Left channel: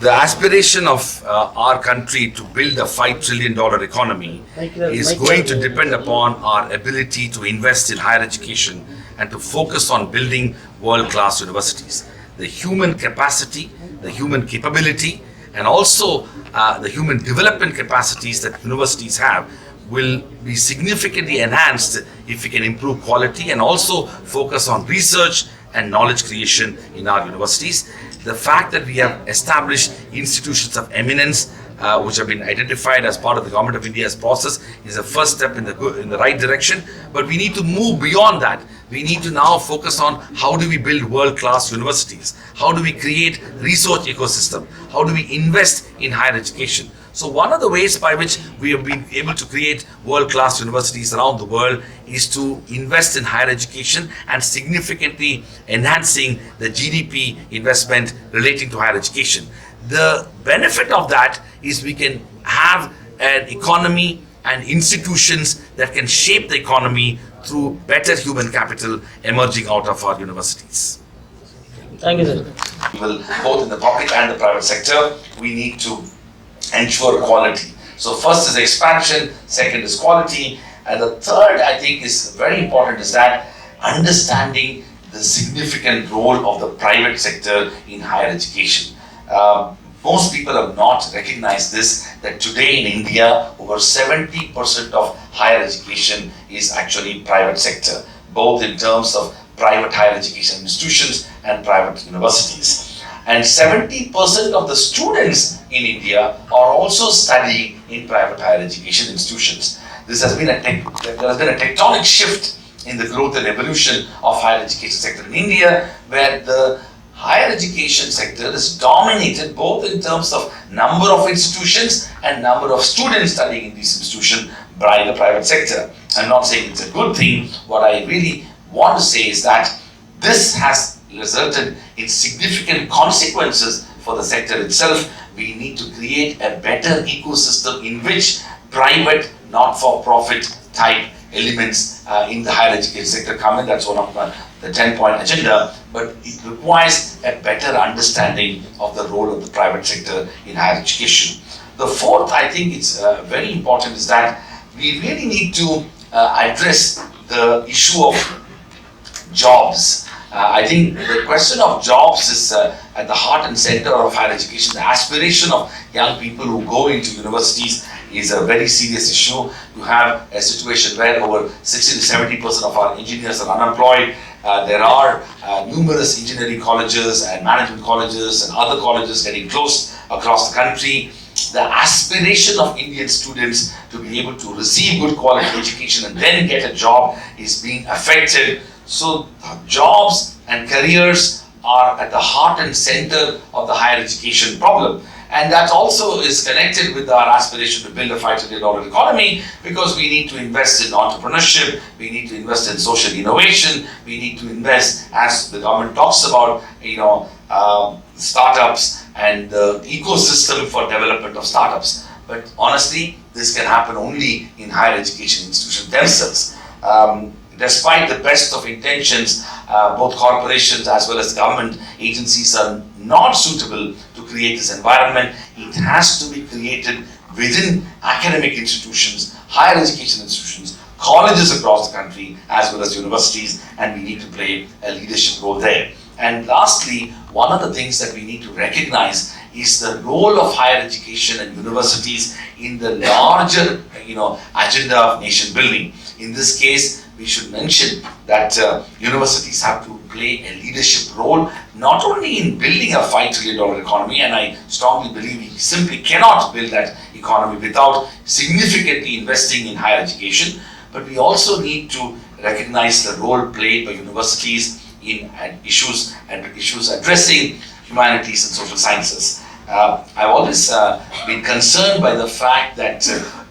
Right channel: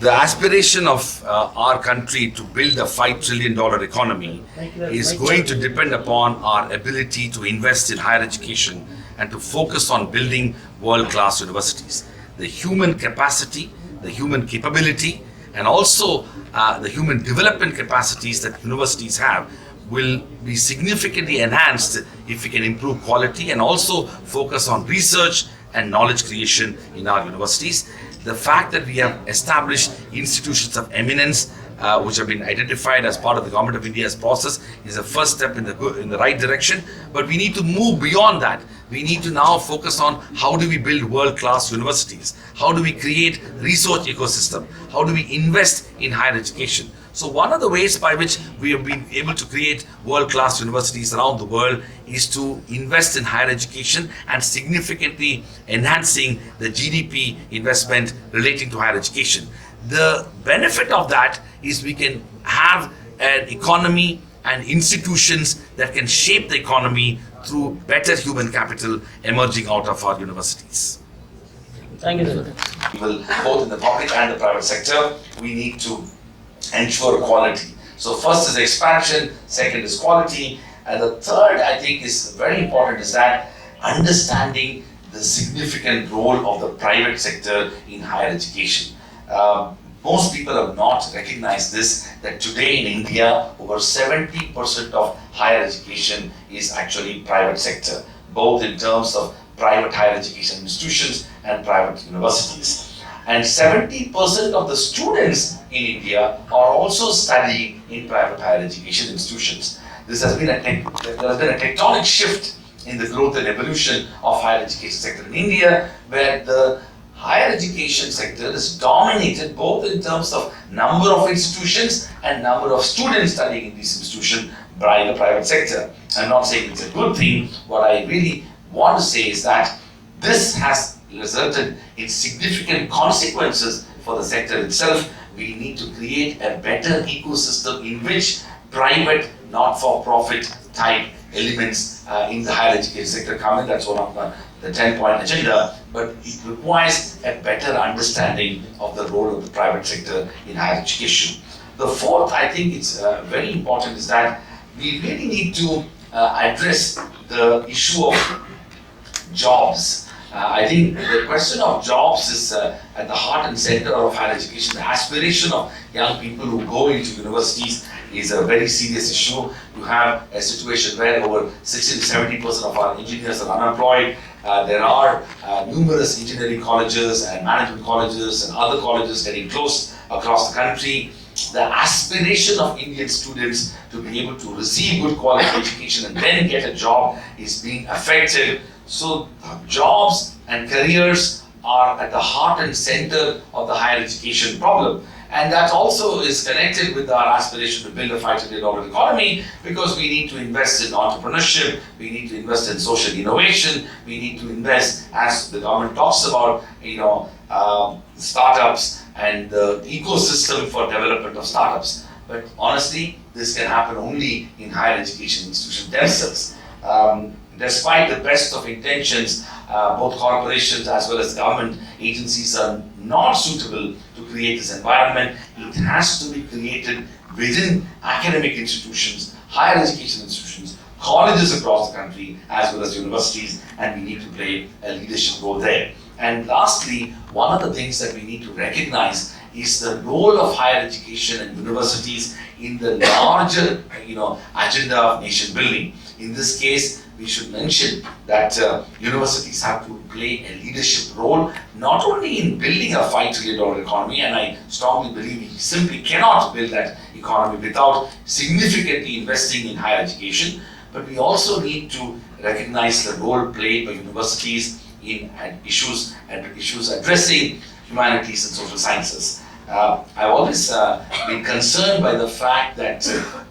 The aspiration of our country to build a $5 trillion economy is going to depend upon our ability to invest in higher education and to focus on building world-class universities. The human capacity, the human capability, and also the human development capacities that universities have will be significantly enhanced if we can improve quality and also focus on research and knowledge creation in our universities. The fact that we have established institutions of eminence which have been identified as part of the Government of India's process is a first step in the right direction. But we need to move beyond that. We need to now focus on how do we build world-class universities? How do we create research ecosystem? How do we invest in higher education? So one of the ways by which we have been able to create world-class universities around the world is to invest in higher education and significantly enhancing the GDP investment relating to higher education. The benefit of that is we can have an economy and institutions that can shape the economy through better human capital emerging out of our universities. Thank you, sir. Both in the public and the private sector, we need to ensure quality. So first is expansion, second is quality, and the third I think is very important is that understanding the significant role of the private sector in higher education. Most people have not recognized this, that today in India, over 70% of higher education is actually private sector, both in terms of private higher education institutions and private universities. And 70% of the students in India are also studying in private higher education institutions. There has been a tectonic shift in the growth and evolution of higher education sector in India, where the higher education sector is dominated both in terms of number of institutions and number of students studying in these institutions by the private sector. I'm not saying it's a good thing. What I really want to say is that this has resulted in significant consequences for the sector itself. We need to create a better ecosystem in which private, not-for-profit type elements in the higher education sector come in. That's one of the 10-point agenda, but it requires a better understanding of the role of the private sector in higher education. The fourth, I think it's very important, is that we really need to address the issue of jobs. I think the question of jobs is at the heart and center of higher education. The aspiration of young people who go into universities is a very serious issue. You have a situation where over 60 to 70% of our engineers are unemployed. There are numerous engineering colleges and management colleges and other colleges getting closed across the country. The aspiration of Indian students to be able to receive good quality education and then get a job is being affected. So jobs and careers are at the heart and center of the higher education problem. And that also is connected with our aspiration to build a $5 trillion economy, because we need to invest in entrepreneurship, we need to invest in social innovation, we need to invest, as the government talks about, startups and the ecosystem for development of startups. But honestly, this can happen only in higher education institutions themselves. Despite the best of intentions, both corporations as well as government agencies are not suitable to create this environment. It has to be created within academic institutions, higher education institutions, colleges across the country, as well as universities, and we need to play a leadership role there. And lastly, one of the things that we need to recognize is the role of higher education and universities in the larger, agenda of nation building. In this case, we should mention that universities have to play a leadership role, not only in building a $5 trillion economy, and I strongly believe we simply cannot build that economy without significantly investing in higher education, but we also need to recognize the role played by universities in issues addressing humanities and social sciences. I've always been concerned by the fact that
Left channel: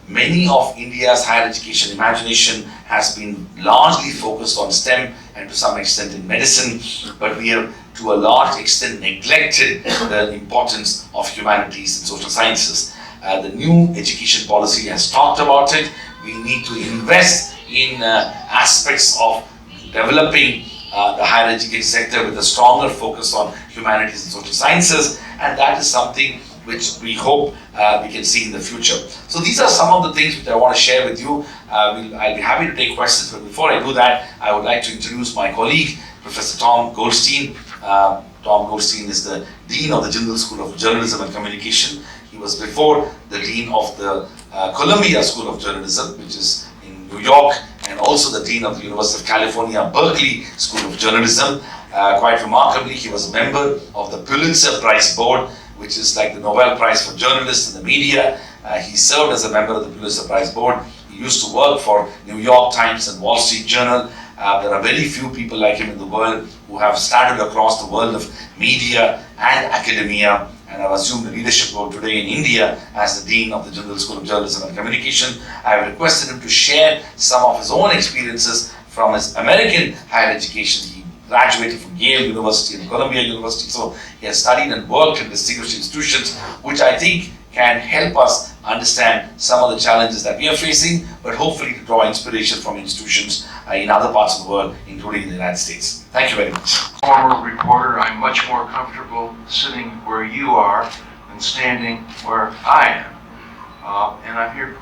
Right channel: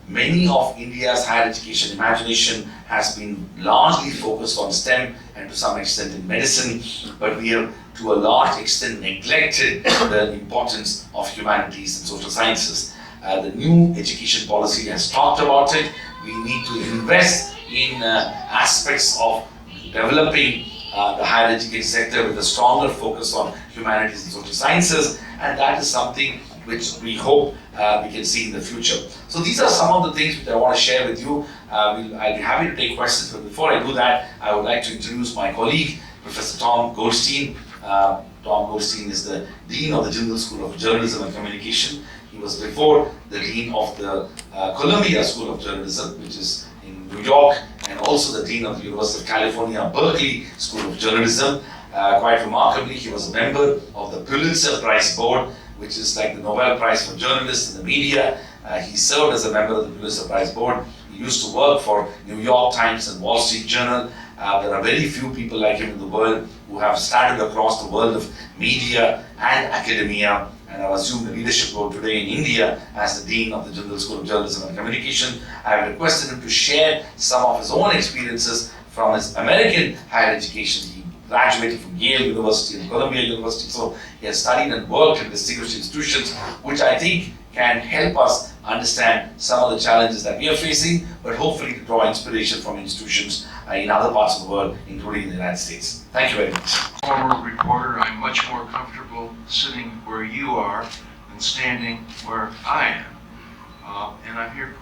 many of India's higher education imagination has been largely focused on STEM and to some extent in medicine, but we have to a large extent neglected the importance of humanities and social sciences. The new education policy has talked about it. We need to invest in aspects of developing the higher education sector with a stronger focus on humanities and social sciences. and that is something which we hope we can see in the future. So these are some of the things which I want to share with you. I'll be happy to take questions, but before I do that, I would like to introduce my colleague, Professor Tom Goldstein. Tom Goldstein is the Dean of the Jindal School of Journalism and Communication. He was before the Dean of the Columbia School of Journalism, which is in New York, and also the Dean of the University of California, Berkeley School of Journalism. Quite remarkably, he was a member of the Pulitzer Prize Board, which is like the Nobel Prize for journalists and the media. He served as a member of the Pulitzer Prize Board. He used to work for New York Times and Wall Street Journal. There are very few people like him in the world who have started across the world of media and academia, and I've assumed the leadership role today in India as the Dean of the Jindal School of Journalism and Communication. I have requested him to share some of his own experiences from his American higher education. He graduated from Yale University and Columbia University, so he has studied and worked in distinguished institutions, which I think can help us understand some of the challenges that we are facing, but hopefully to draw inspiration from institutions in other parts of the world, including in the United States. Thank you very much. Former reporter, I'm much more comfortable sitting where you are than standing where I am. And I'm here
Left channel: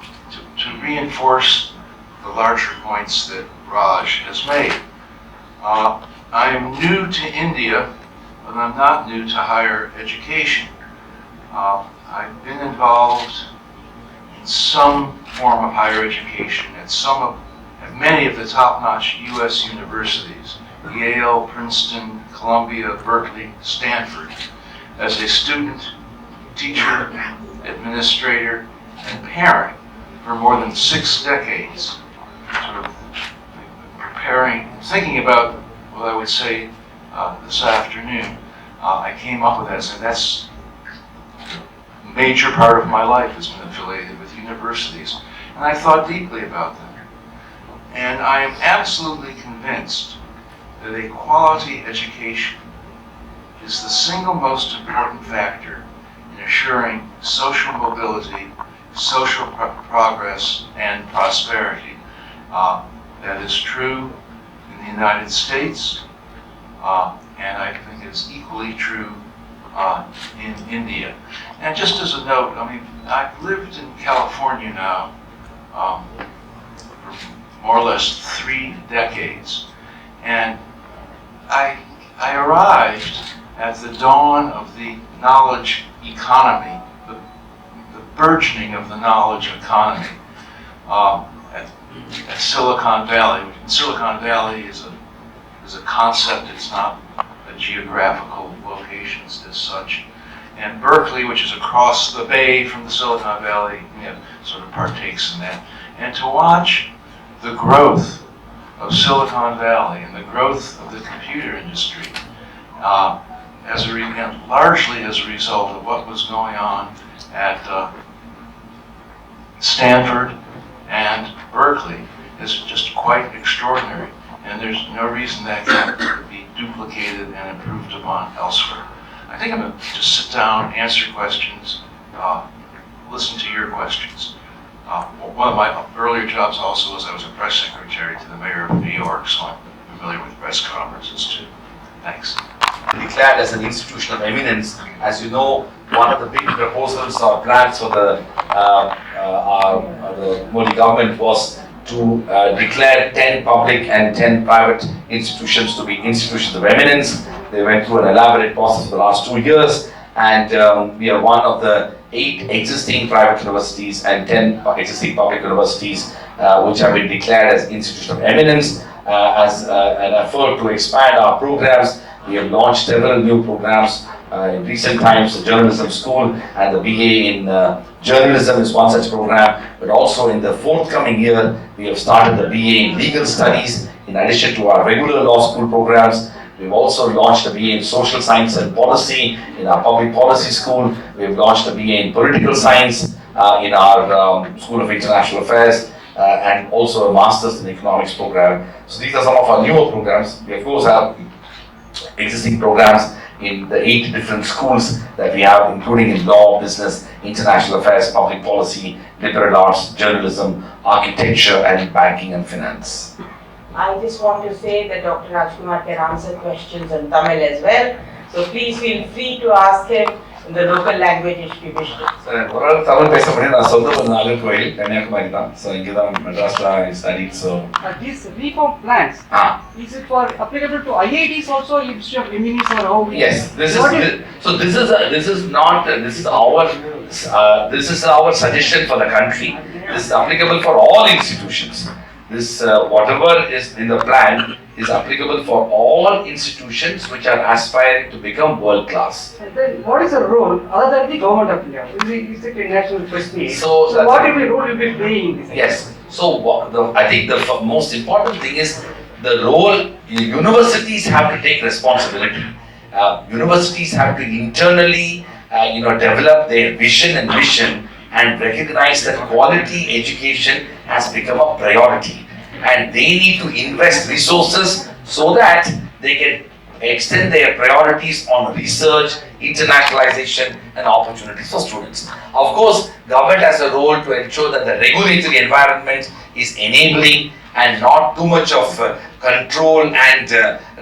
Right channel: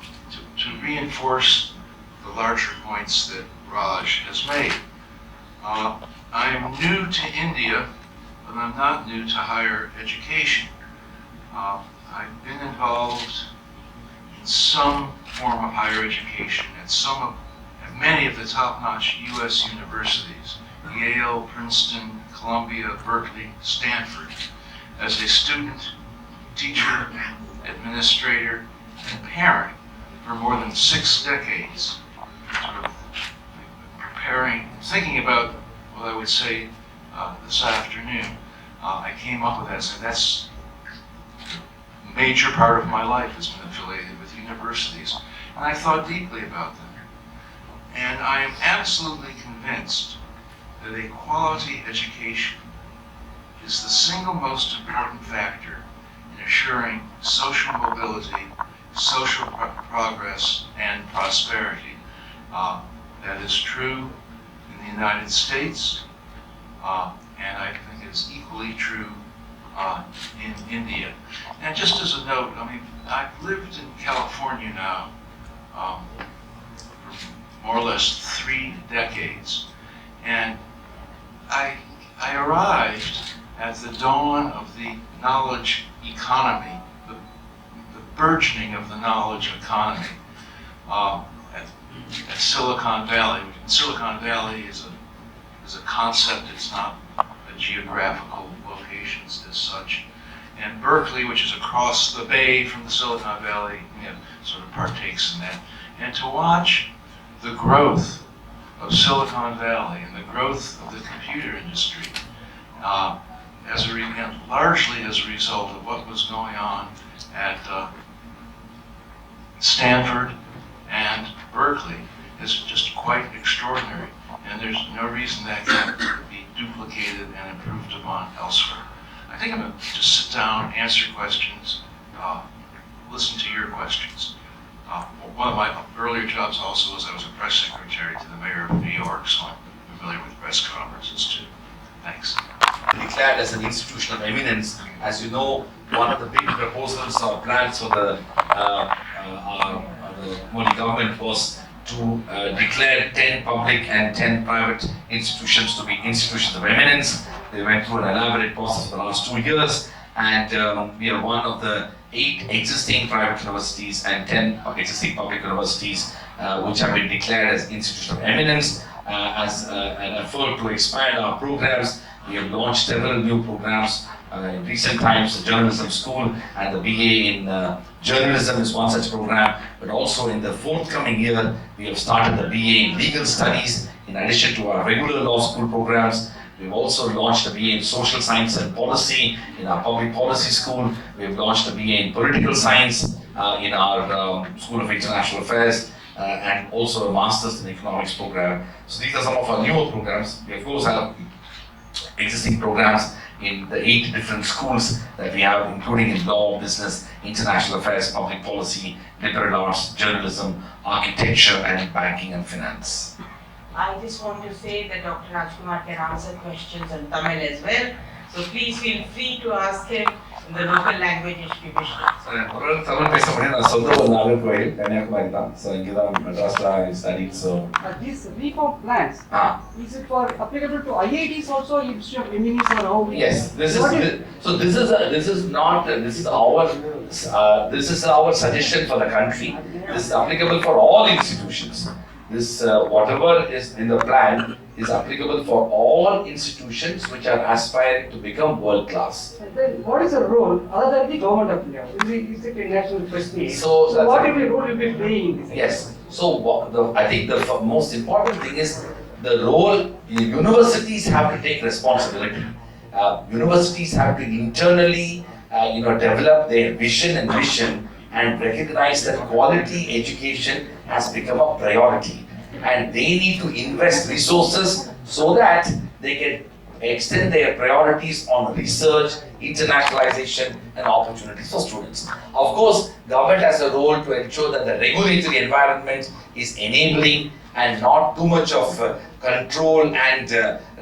to reinforce the larger points that Raj has made. I am new to India, but I'm not new to higher education. I've been involved in some form of higher education at many of the top-notch U.S. universities, Yale, Princeton, Columbia, Berkeley, Stanford, as a student, teacher, administrator, and parent for more than 6 decades, sort of thinking about what I would say this afternoon. I came up with that, and that's a major part of my life has been affiliated with universities, and I thought deeply about them. And I am absolutely convinced that a quality education is the single most important factor in assuring social mobility, social progress, and prosperity. That is true in the United States, and I think it's equally true in India. And just as a note, I mean, I've lived in California now for more or less 3 decades, and I arrived at the dawn of the knowledge economy, the burgeoning of the knowledge economy at Silicon Valley. Silicon Valley is a concept, it's not a geographical location as such. And Berkeley, which is across the bay from the Silicon Valley, sort of partakes in that. And to watch the growth of Silicon Valley and the growth of the computer industry, largely as a result of what was going on at Stanford and Berkeley, is just quite extraordinary. And there's no reason that can't be duplicated and improved upon elsewhere. I think I'm going to just sit down, answer questions, listen to your questions. One of my earlier jobs also was I was a press secretary to the mayor of New York, so I'm familiar with press conferences too. Thanks. Declared as an institution of eminence. As you know, one of the big proposals or plans for the Modi government was to declare 10 public and 10 private institutions to be institutions of eminence. They went through an elaborate process for the last 2 years, and we are one of the 8 existing private universities and 10 existing public universities which have been declared as institutions of eminence. As an effort to expand our programs, we have launched several new programs in recent times. The Journalism School and the BA in Journalism is one such program, but also in the forthcoming year, we have started the BA in Legal Studies in addition to our regular law school programs. We've also launched a BA in Social Science and Policy in our Public Policy School. We've launched a BA in Political Science in our School of International Affairs, and also a Master's in Economics program. So these are some of our newer programs. We of course have existing programs in the 8 different schools that we have, including in law, business, international affairs, public policy, liberal arts, journalism, architecture, and banking and finance. I just want to say that Dr. Rajkumar can answer questions in Tamil as well. So please feel free to ask him in the local language if you wish to. ஒரு தமிழ் பேச முடியும். நான் சொந்த ஒரு நாகர்கோயில் கன்னியாகுமரி தான். So இங்கே தான் மெட்ராஸ்ல studied. So these reform plans, is it for applicable to IITs also instead of MNEs or how? Yes, this is our suggestion for the country. This is applicable for all institutions. This whatever is in the plan is applicable for all institutions which are aspiring to become world class. And then what is the role other than the government of India? Is it a national prestige? So what will be role will be playing in this? Yes. So I think the most important thing is the role universities have to take responsibility. Universities have to internally develop their vision and mission and recognize that quality education has become a priority, and they need to invest resources so that they can extend their priorities on research, internationalization and opportunities for students. Of course, government has a role to ensure that the regulatory environment is enabling and not too much of control and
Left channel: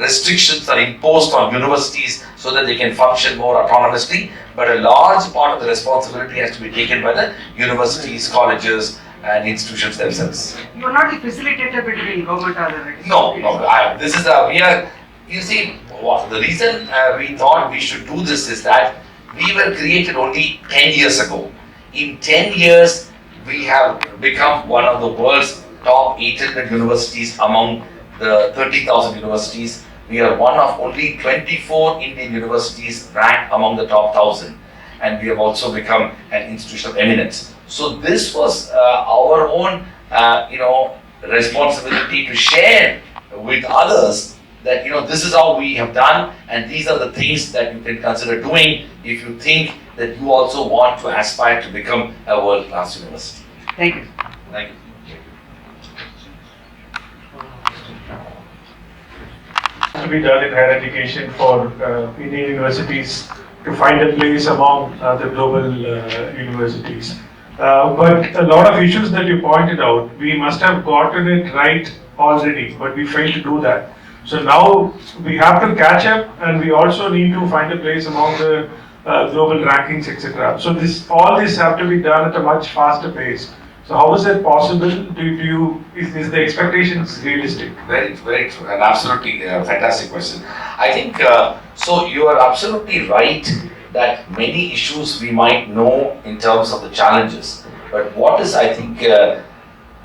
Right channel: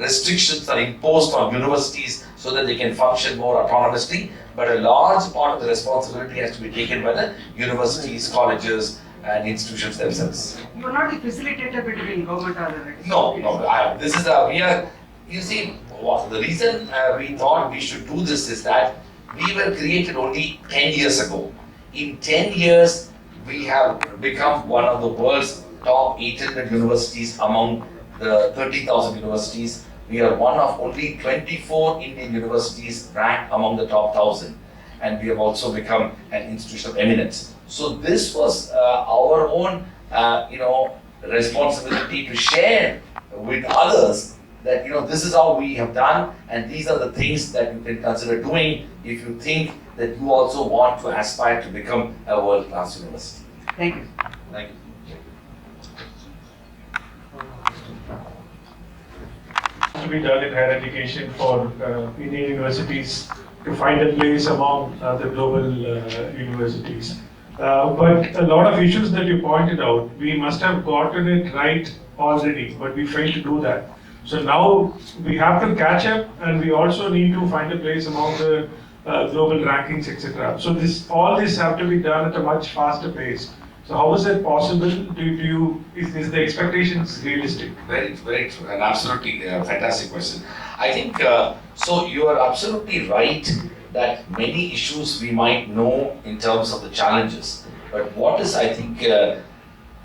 restrictions are imposed on universities so that they can function more autonomously. But a large part of the responsibility has to be taken by the universities, colleges and institutions themselves. You are not the facilitator between government and the No. This is you see, the reason we thought we should do this is that we were created only 10 years ago. In 10 years, we have become one of the world's top 800 universities among the 30,000 universities. We are one of only 24 Indian universities ranked among the top 1,000, and we have also become an institution of eminence. So this was our own, responsibility to share with others that this is how we have done, and these are the things that you can consider doing if you think that you also want to aspire to become a world-class university. Thank you. Thank you. To be done in higher education for Indian universities to find a place among the global universities. But a lot of issues that you pointed out, we must have gotten it right already, but we failed to do that. So now we have to catch up, and we also need to find a place among the global rankings, etc. So all this have to be done at a much faster pace. So how is that possible? Is the expectations realistic? Very, very true, and absolutely fantastic question. I think so. You are absolutely right that many issues we might know in terms of the challenges, but what is I think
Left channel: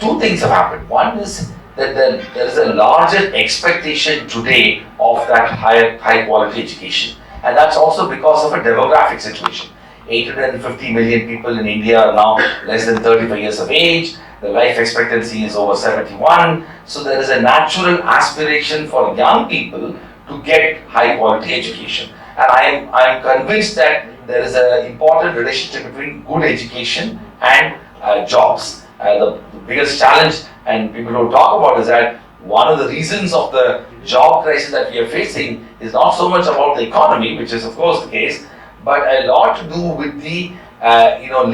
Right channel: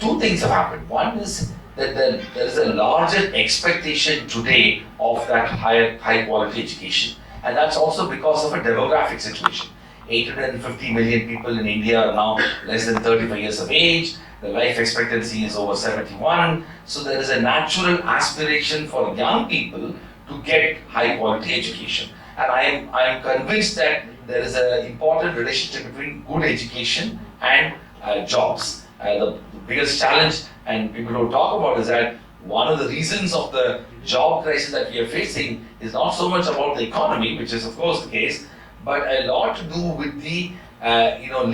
two things have happened. One is that there is a larger expectation today of that high quality education, and that's also because of a demographic situation. 850 million people in India are now less than 35 years of age. The life expectancy is over 71. So there is a natural aspiration for young people to get high quality education. And I am convinced that there is an important relationship between good education and jobs. The biggest challenge, and people don't talk about, is that one of the reasons of the job crisis that we are facing is not so much about the economy, which is of course the case, but a lot to do with the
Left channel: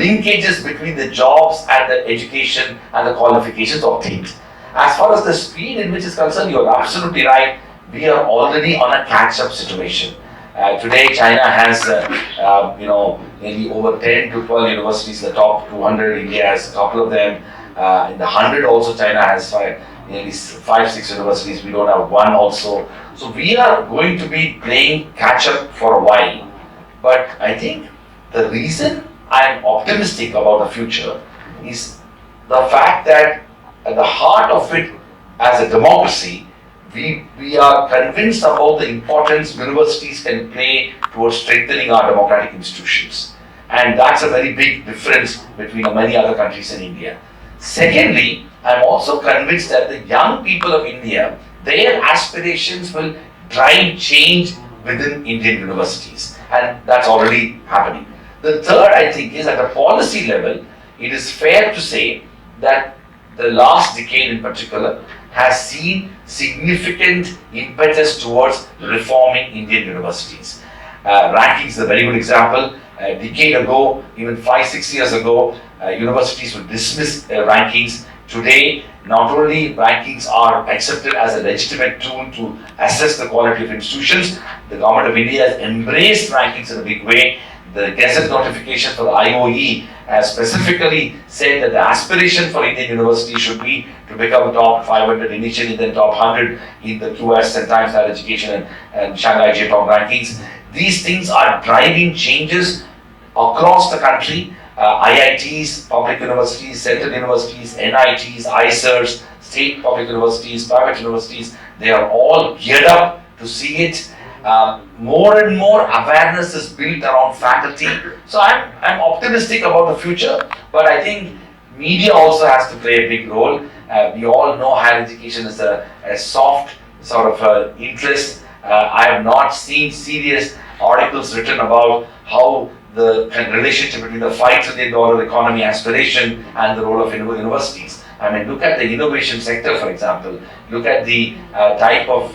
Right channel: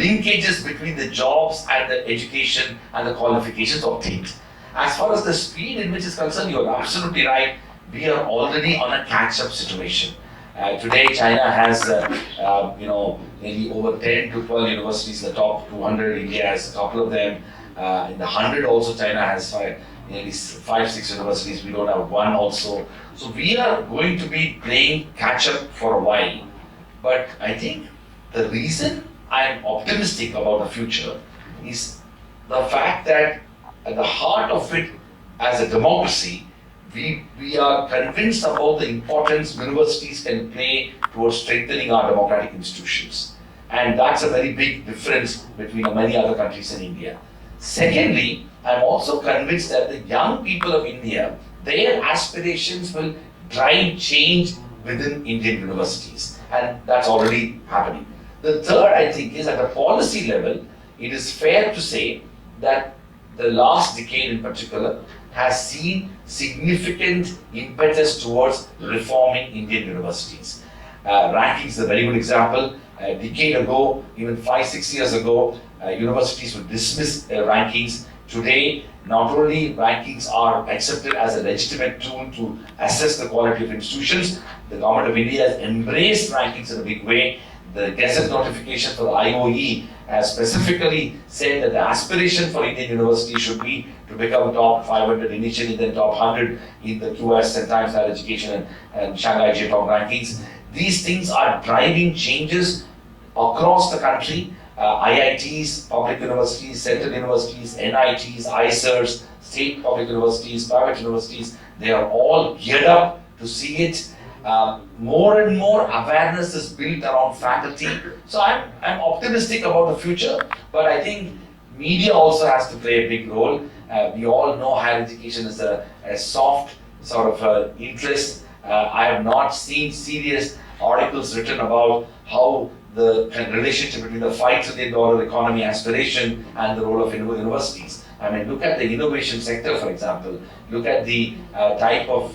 linkages between the jobs and the education and the qualifications obtained. As far as the speed in which is concerned, you are absolutely right. We are already on a catch-up situation. Today, China has maybe over 10 to 12 universities, the top 200. India has a couple of them. In the 100 also, China has nearly 5-6 universities. We don't have one also. So we are going to be playing catch-up for a while. But I think the reason I'm optimistic about the future is the fact that at the heart of it, as a democracy, we are convinced about the importance universities can play towards strengthening our democratic institutions. And that's a very big difference between many other countries in India. Secondly, I'm also convinced that the young people of India, their aspirations will drive change within Indian universities. And that's already happening. The third, I think, is at a policy level, it is fair to say that the last decade in particular has seen significant impetus towards reforming Indian universities. Rankings is a very good example. A decade ago, even 5-6 years ago, universities would dismiss rankings. Today, not only rankings are accepted as a legitimate tool to assess the quality of institutions, the government of India has embraced rankings in a big way. the Gazette notification for the IOE has specifically said that the aspiration for Indian university should be to become top 500 initially, then top 100 in the QS and Times Higher Education and Shanghai J-Top rankings. These things are driving changes across the country. IITs, public universities, central universities, NITs, ICERs, state public universities, private universities, they are all geared up to see it. More and more awareness is built around faculty. So I'm optimistic about the future, but I think media also has to play a big role. We all know higher education is a soft sort of interest. I have not seen serious articles written about how the relationship between the $5 trillion economy aspiration and the role of universities. I mean, look at the innovation sector, for example. Look at the type of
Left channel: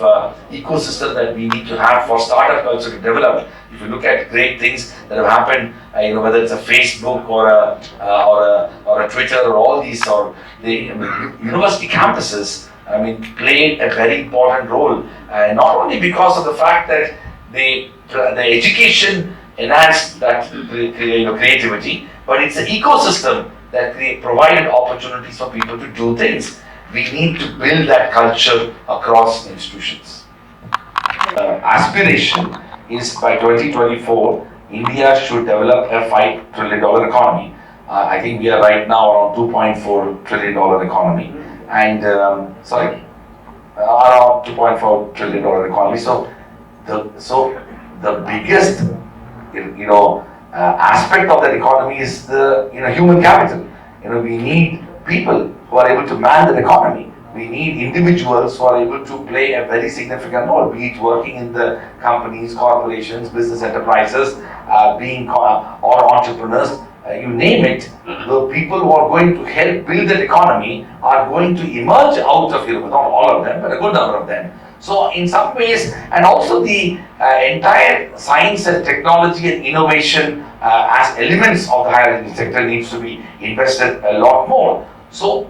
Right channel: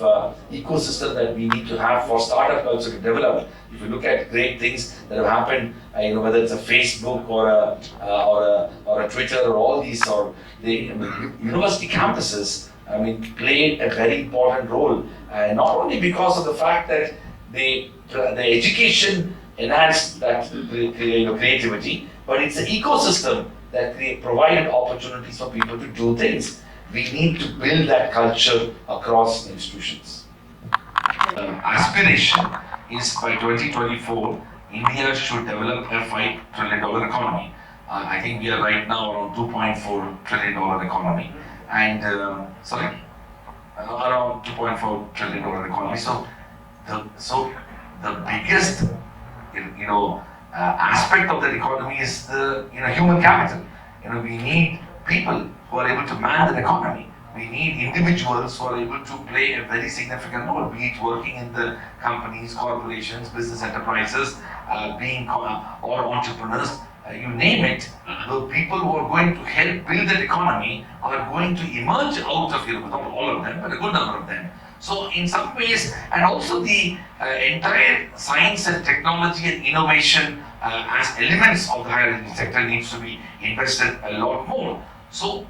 ecosystem that we need to have for startup culture to develop. If you look at great things that have happened, whether it's a Facebook or a Twitter or all these, or the university campuses, played a very important role. Not only because of the fact that the education enhanced that creativity, but it's an ecosystem that provided opportunities for people to do things. We need to build that culture across institutions. Aspiration is by 2024, India should develop a $5 trillion economy. I think we are right now around $2.4 trillion economy. And, around $2.4 trillion economy. So the biggest, aspect of that economy is the human capital. We need people who are able to man the economy. We need individuals who are able to play a very significant role, be it working in the companies, corporations, business enterprises, or entrepreneurs, you name it. The people who are going to help build that economy are going to emerge out of not all of them, but a good number of them. So in some ways, and also the entire science and technology and innovation as elements of the higher education sector needs to be invested a lot more. So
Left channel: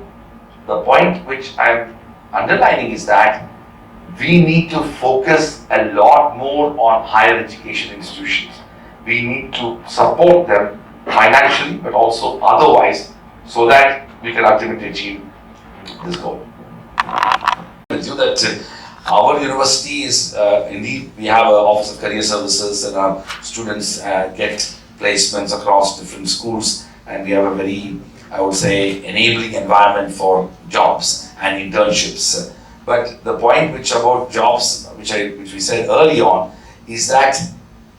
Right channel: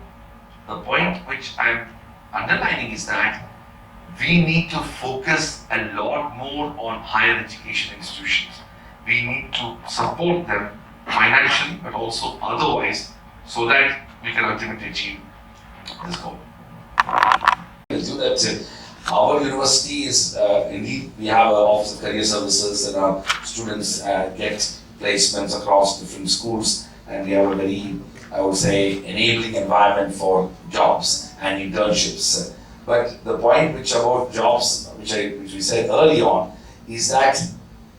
the point which I'm underlining is that we need to focus a lot more on higher education institutions. We need to support them financially, but also otherwise, so that we can ultimately achieve this goal. Our university is indeed, we have an Office of Career Services, and our students get placements across different schools, and we have a very, I would say, enabling environment for jobs and internships. But the point about jobs, which we said early on, is that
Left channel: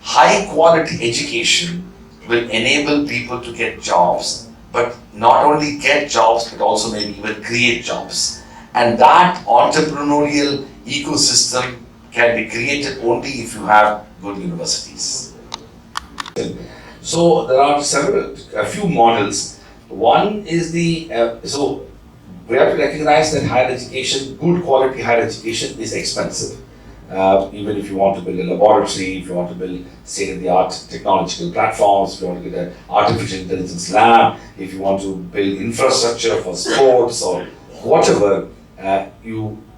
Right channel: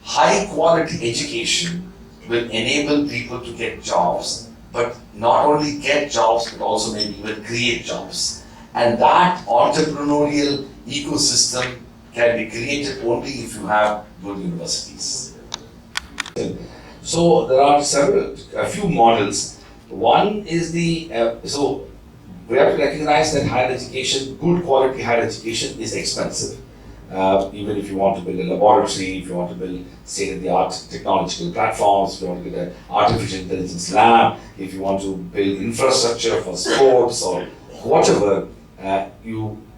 high quality education will enable people to get jobs, but not only get jobs, but also maybe even create jobs. And that entrepreneurial ecosystem can be created only if you have good universities. So there are a few models. One is so we have to recognize that higher education, good quality higher education is expensive. Even if you want to build a laboratory, if you want to build state-of-the-art technological platforms, if you want to build an artificial intelligence lab, if you want to build infrastructure for sports or whatever,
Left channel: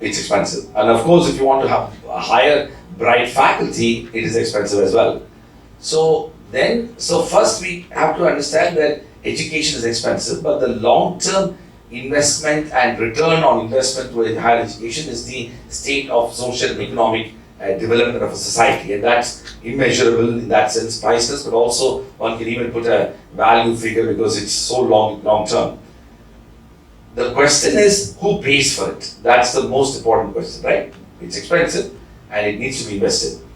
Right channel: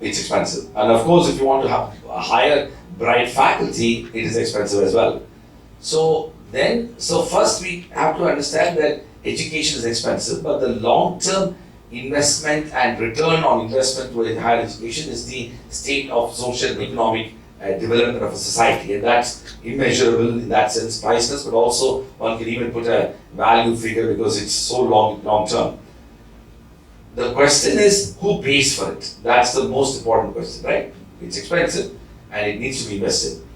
it's expensive. And of course, if you want to have a higher, bright faculty, it is expensive as well. So first we have to understand that education is expensive, but the long-term investment and return on investment with higher education is the state of social and economic development of a society, and that's immeasurable in that sense, priceless, but also one can even put a value figure because it's so long-term. The question is, who pays for it? That's the most important question, right? It's expensive and it needs to be invested.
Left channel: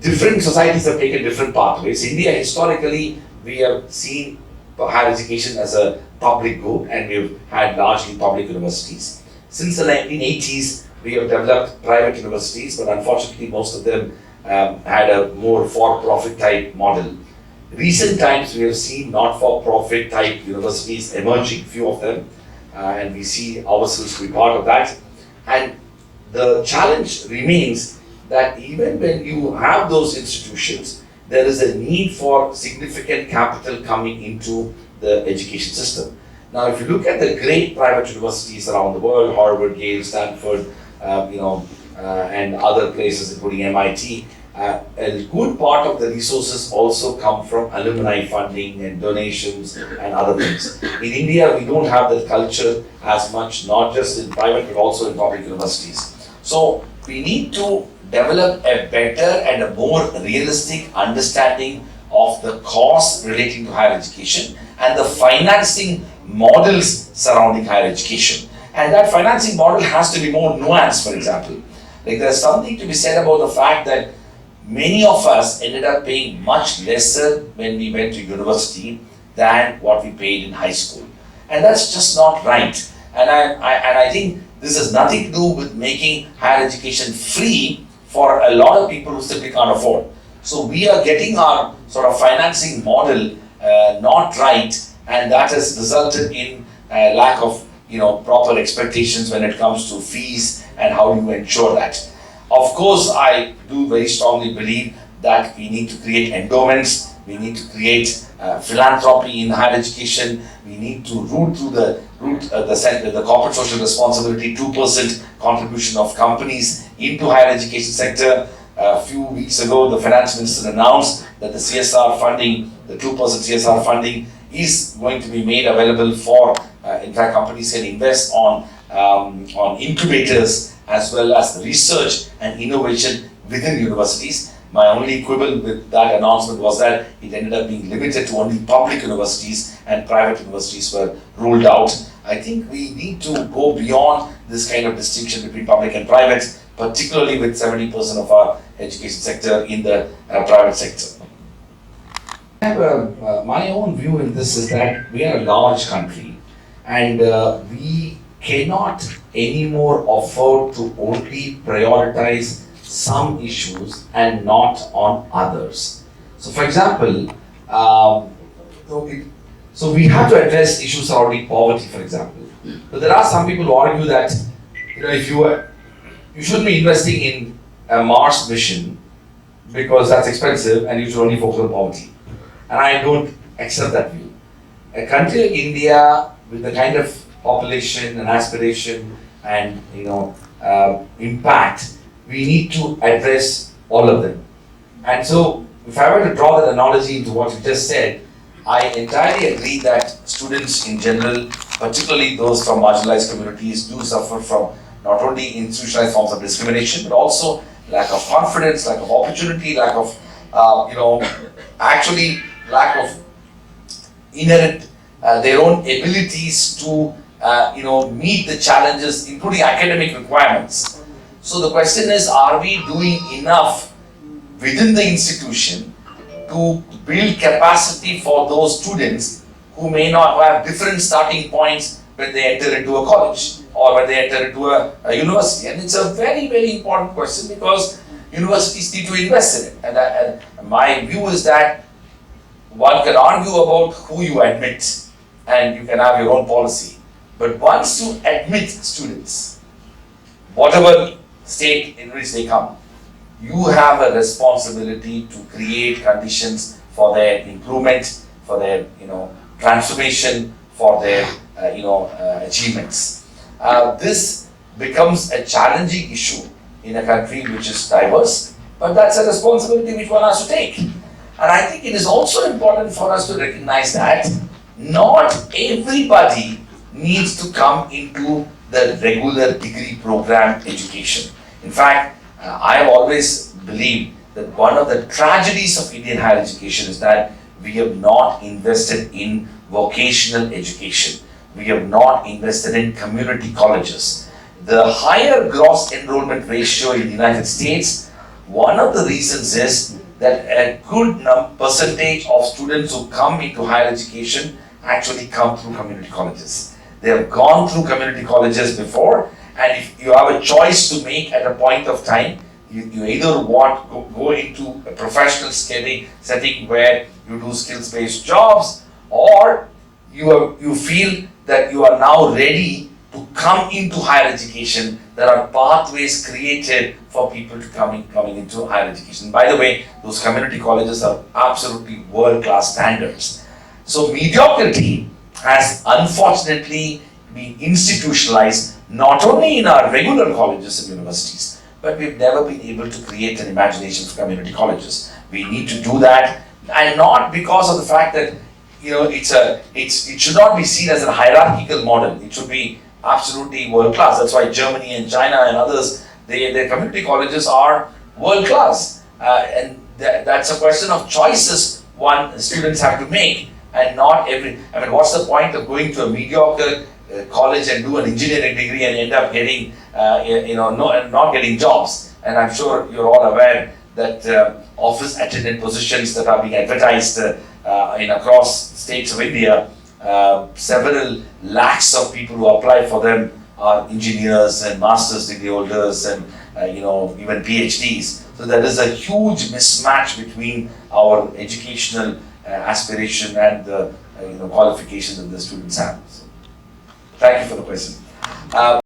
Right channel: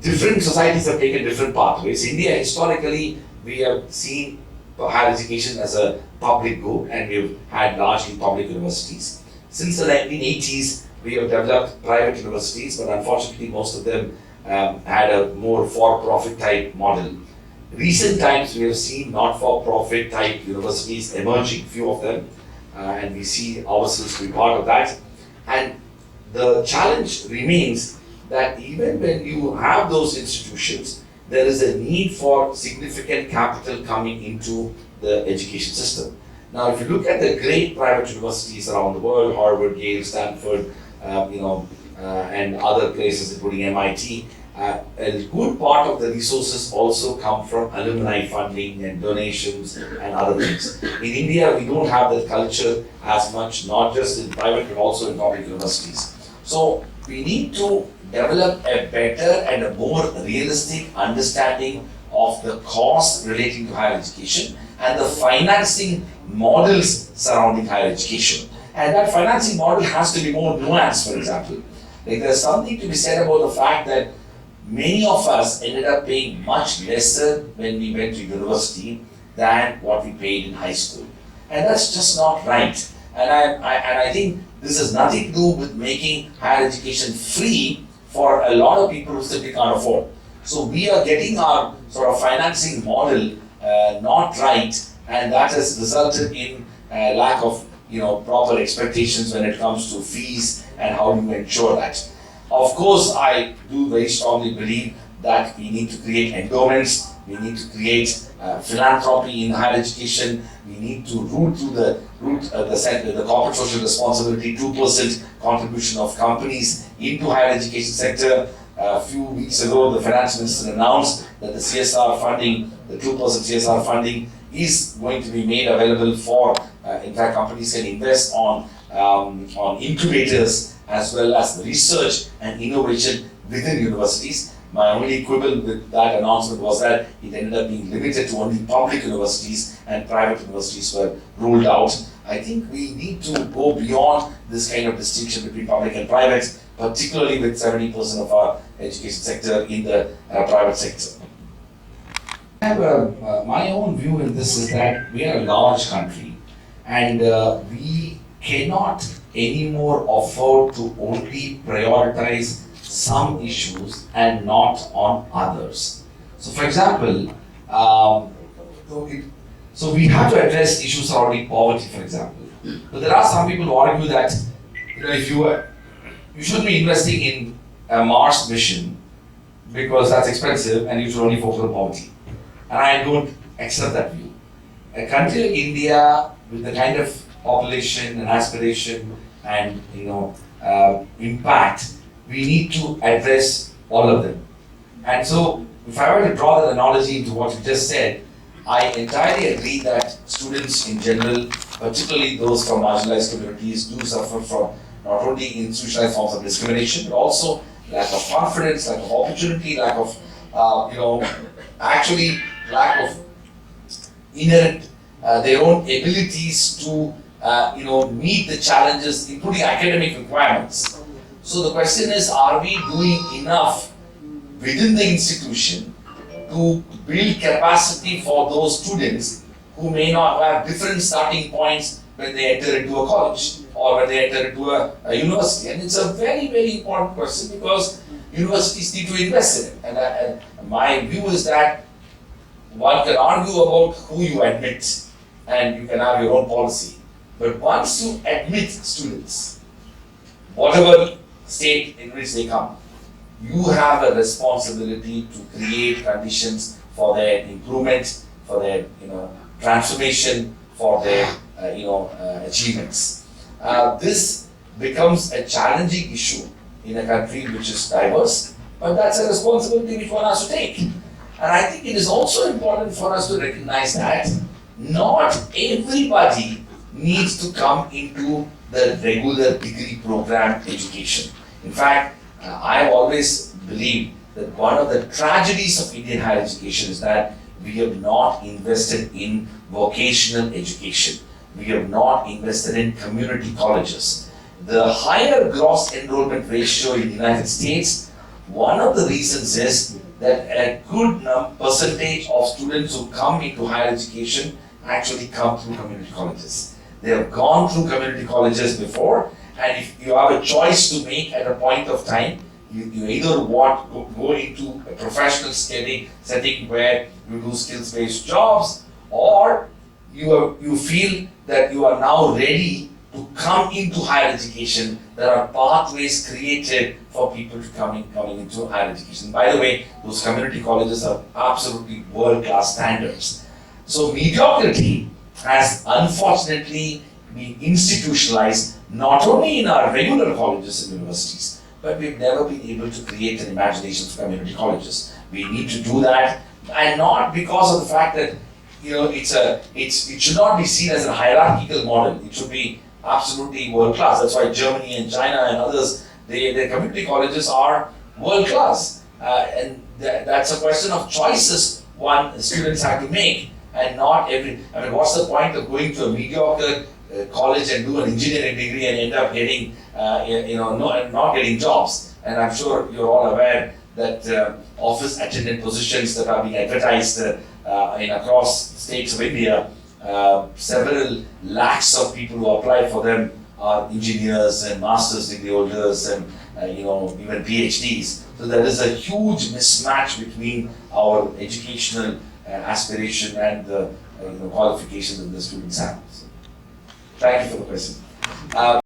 Different societies have taken different pathways. India, historically, we have seen higher education as a public good, and we've had largely public universities. Since the 1980s, we have developed private universities, but unfortunately, most of them had a more for-profit type model. Recent times, we have seen not-for-profit type universities emerging, few of them, and we see ourselves to be part of that. And the challenge remains that even when you have those institutions, there is a need for significant capital coming into the education system. Now, if you look at the great private universities around the world, Harvard, Yale, Stanford, and other places, including MIT, a good part of the resources also come from alumni funding and donations and other things. In India, we don't have that culture as much, not just in private but also in public universities. So we need to develop a better and a more realistic understanding of the costs relating to higher education and the financing models surrounding higher education. And that financing model has to be more nuanced, for example. Like there's something to be said about the fact that many of us ended up paying much lesser when we went to university than what we paid in high school. And that's just not right. And I think this has nothing to do with making higher education free for a lot of people who simply can't afford. So we are getting our sort of financing model not right, and that has resulted in a lack of proper expectations when it comes to fees and how you ensure that. Of course, I do very strongly believe that we need to create endowments, we need to create philanthropy in higher education, we need to root through the corporate social responsibility 2% contribution of companies into higher education sector. A few weeks ago, the finance minister announced that the CSR funding, the 2% CSR funding, is going to be made available for, in fact, companies can invest on incubators as well as research and innovation within universities. My only quibble with that announcement was that it ended up being limited to only public universities and private universities were ruled out. I think we need to go beyond this kind of distinction between public and private, particularly with 70% of our education sector in the private sector. I have my own view in this is that we are a large country and we cannot anymore afford to only prioritize some issues and not on others. So for example, so we have to address issues surrounding poverty, for example. But there are some people who argue that if you shouldn't be investing in a Mars mission because that's expensive and you should only focus on poverty. And I don't accept that view. A country like India with the kind of population and aspiration and impact, we need to address all of them. And so if I were to draw that analogy into what you just said, I entirely agree that students in general, particularly those from marginalized communities, do suffer from not only institutionalized forms of discrimination, but also lack of confidence, lack of opportunity, lack of, lack of inherent, their own abilities to, meet the challenges, including academic requirements. So the question is, are we doing enough within the institution to build capacity for those students who may not have different starting points when they enter into a college or when they enter into a university? And it's a very, very important question because universities need to invest in it. And my view is that one can argue about who you admit and you can have your own policy. But once you admit students, whatever state in which they come, you have a responsibility to create conditions for their improvement, for their transformation, for their achievements. This becomes a challenging issue in a country which is diverse, but that's a responsibility which one has to take. And I think it is also important for us to recognize that not everybody needs to come into the regular degree program education. In fact, I have always believed that one of the tragedies of Indian higher education is that we have not invested in vocational education. We have not invested in community colleges. The higher gross enrollment ratio in the United States, one of the reasons is that a good percentage of students who come into higher education actually come through community colleges. They have gone through community colleges before, and if you have a choice to make at a point of time, you either go into a professional setting where you do skills-based jobs, or you feel that you are now ready to come into higher education. There are pathways created for people to coming into higher education. By the way, those community colleges are absolutely world-class standards. So mediocrity has unfortunately been institutionalized not only in our regular colleges and universities, but we've never been able to create an imagination for community colleges. We need to do that, and not because of the fact that it should not be seen as a hierarchical model. It should be absolutely world class. That's why Germany and China and others, their community colleges are world class, and that's a question of choices students have to make, and not every. I mean, what's the point of going to a mediocre college and do an engineering degree and end up getting, not getting jobs? And I'm sure you're all aware that office attendant positions that are being advertised in across states of India, several lakhs of people who apply for them are engineers and master's degree holders and even PhDs. So there is a huge mismatch between our educational aspiration and the qualifications that the students have. So, thank you for the question.